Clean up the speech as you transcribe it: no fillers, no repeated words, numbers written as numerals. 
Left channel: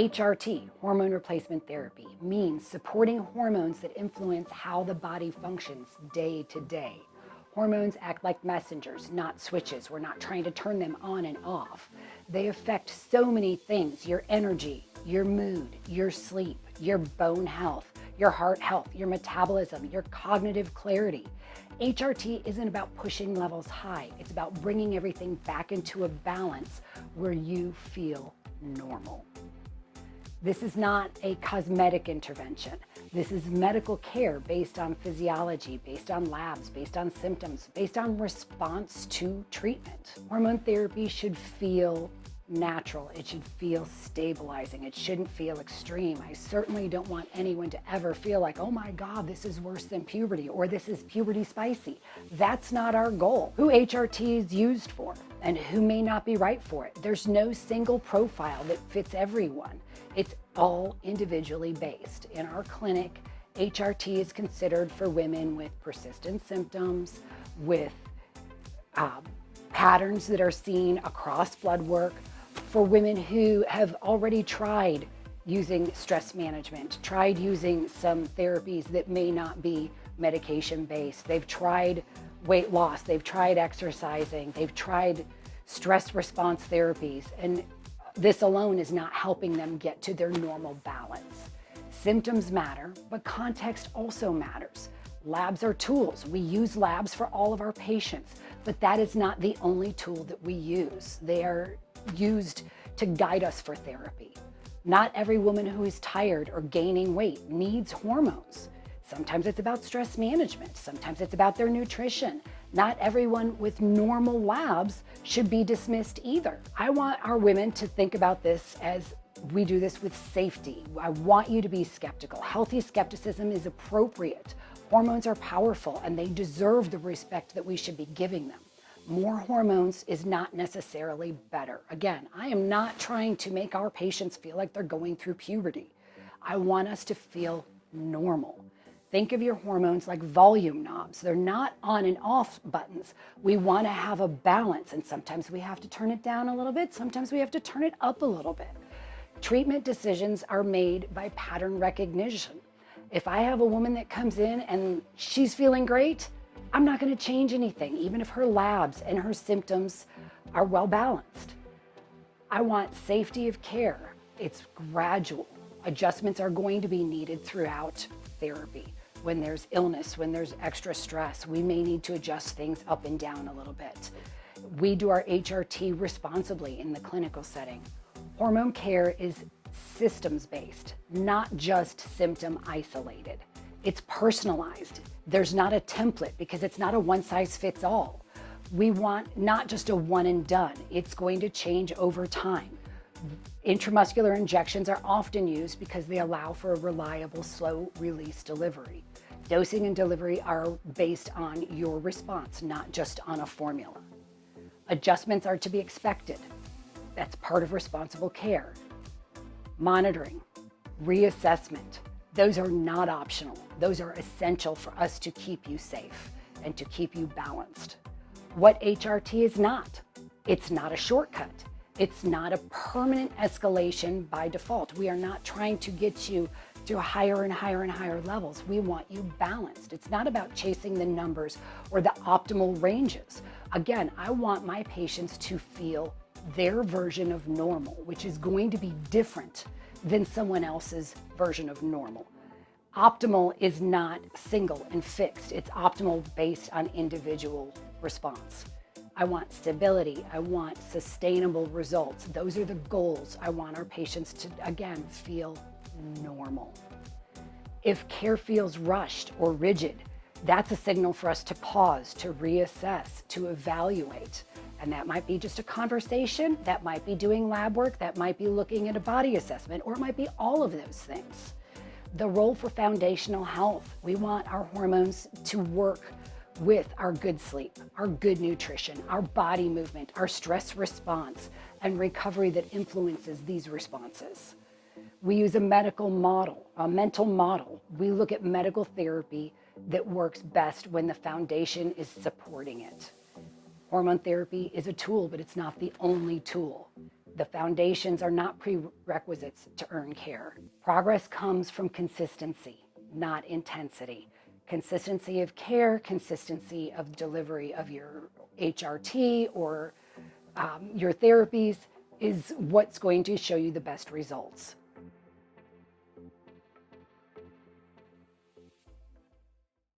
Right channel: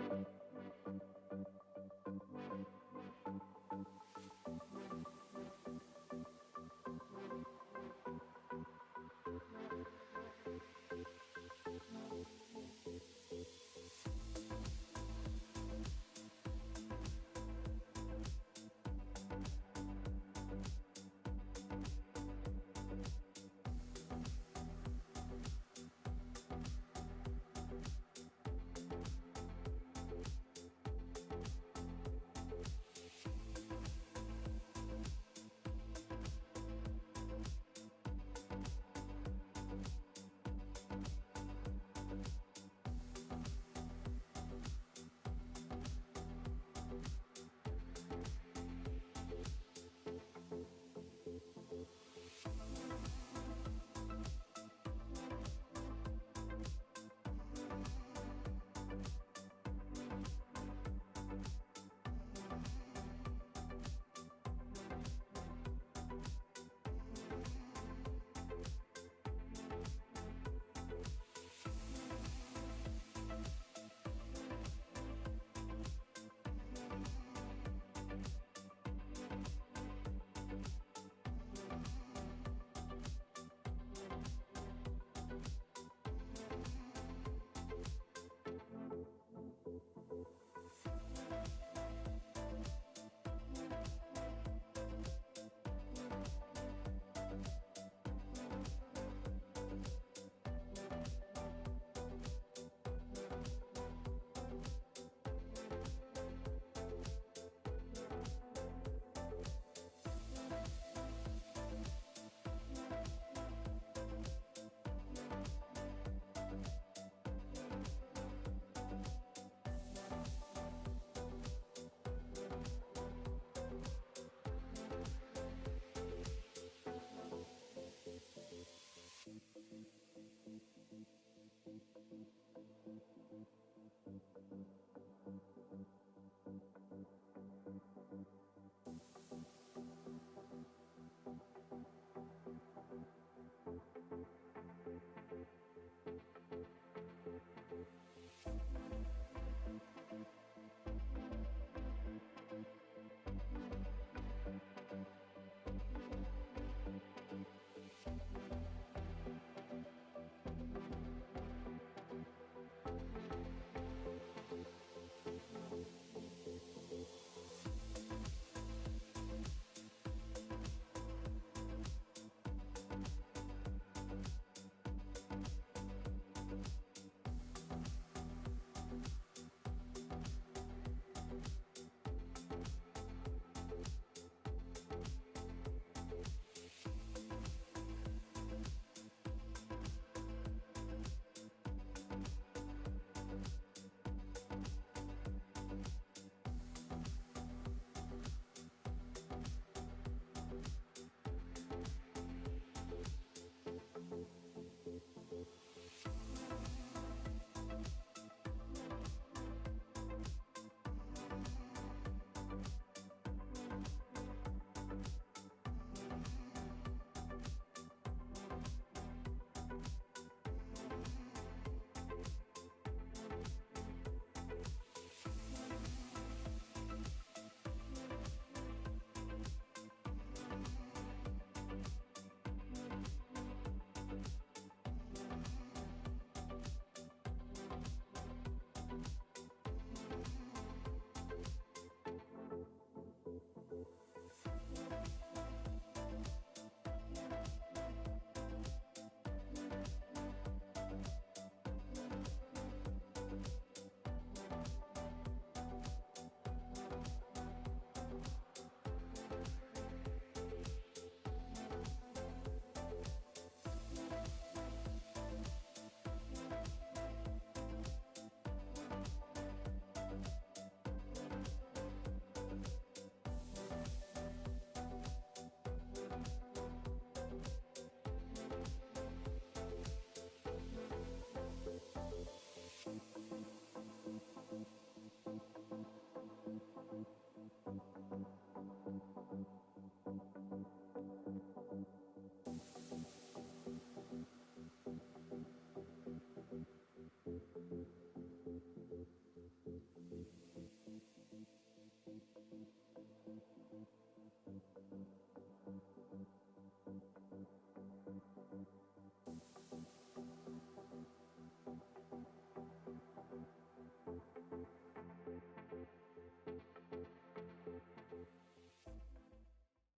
HRT, hormone replacement therapy, means supporting hormones that influence how the body functions day to day. Hormones act like messengers, not switches. We're not trying to turn them on and off. They affect so many things: your energy, your mood, your sleep, your bone health, your heart health, your metabolism, your cognitive clarity. HRT isn't about pushing levels high. It's about bringing everything back into a balance where you feel normal. This is not a cosmetic intervention. This is medical care based on physiology, based on labs, based on symptoms, based on response to treatment. Hormone therapy should feel natural. It should feel stabilizing. It shouldn't feel extreme. I certainly don't want anyone to ever feel like, oh my God, this is worse than puberty, or this is puberty spicy. That's not our goal. Who HRT is used for and who may not be right for it. There's no single profile that fits everyone. It's all individually based. In our clinic, HRT is considered for women with persistent symptoms, with patterns that are seen across blood work, for women who have already tried using stress management, tried using some therapies that may not be medication-based. They've tried weight loss, they've tried exercising, they've tried stress response therapies, and this alone is not helping them get to their normal balance. Symptoms matter, but context also matters. Labs are tools. We use labs for all of our patients, but that is not the only tool that we use. They are used to guide us for therapy. Not every woman who is tired or gaining weight needs hormones. Sometimes it's about stress management. Sometimes it's about their nutrition. Not everyone with normal labs should be dismissed either. I want our women to think about this as we do this with safety. I want you to be skeptical. Healthy skepticism is appropriate. Hormones are powerful and they deserve the respect that we should be giving them. More hormones is not necessarily better. Again, I am not trying to make our patients feel like they're going through puberty. I want us to feel normal. Think of your hormones like volume knobs. They're not on and off buttons. We want to have a balance, and sometimes we have to turn it down a little bit. Sometimes we have to turn it up a little bit. Treatment decisions are made by pattern recognition. If I have a woman that comes in and she's feeling great, I'm not going to change anything, even if her labs and her symptoms are well balanced. I want safety of care. It's gradual. Adjustments are going to be needed throughout therapy. When there's illness, when there's extra stress, we may need to adjust things up and down a little bit. We do our HRT responsibly in the clinical setting. Hormone care is systems-based, not just symptom-isolated. It's personalized. There's not a template because it's not a one-size-fits-all. We want not just a one and done. It's going to change over time. Intramuscular injections are often used because they allow for a reliable, slow-release delivery. Dosing and delivery are based on your response, not just on a formula. Adjustments are to be expected. That's part of responsible care. Monitoring, reassessment, those are not optional. Those are essential for us to keep you safe and to keep you balanced. What HRT is not, it's not a shortcut. It's not a permanent escalation by default. We are not trying to get you to higher and higher and higher levels. We want you balanced. It's not about chasing the numbers or the optimal ranges. Again, I want my patients to feel their version of normal, which is going to be different than someone else's version of normal. Optimal is not single and fixed. It's optimal based on individual response. I want stability. I want sustainable results. Those are the goals. I want our patients to, again, feel normal. If care feels rushed or rigid, that's a signal for us to pause, to reassess, to evaluate. And that might be just a conversation, that might be doing lab work, that might be looking at a body assessment, or it might be all of those things. The role for foundational health, we want our hormones to work with our good sleep, our good nutrition, our body movement, our stress response, and recovery that influences these responses. We use a medical model, a mental model. We look at medical therapy that works best when the foundation is supporting it. Hormone therapy is a tool, but it's not the only tool. The foundations are not prerequisites to earn care. Progress comes from consistency, not intensity. Consistency of care, consistency of delivery of your HRT or your therapies is what's going to show you the best results.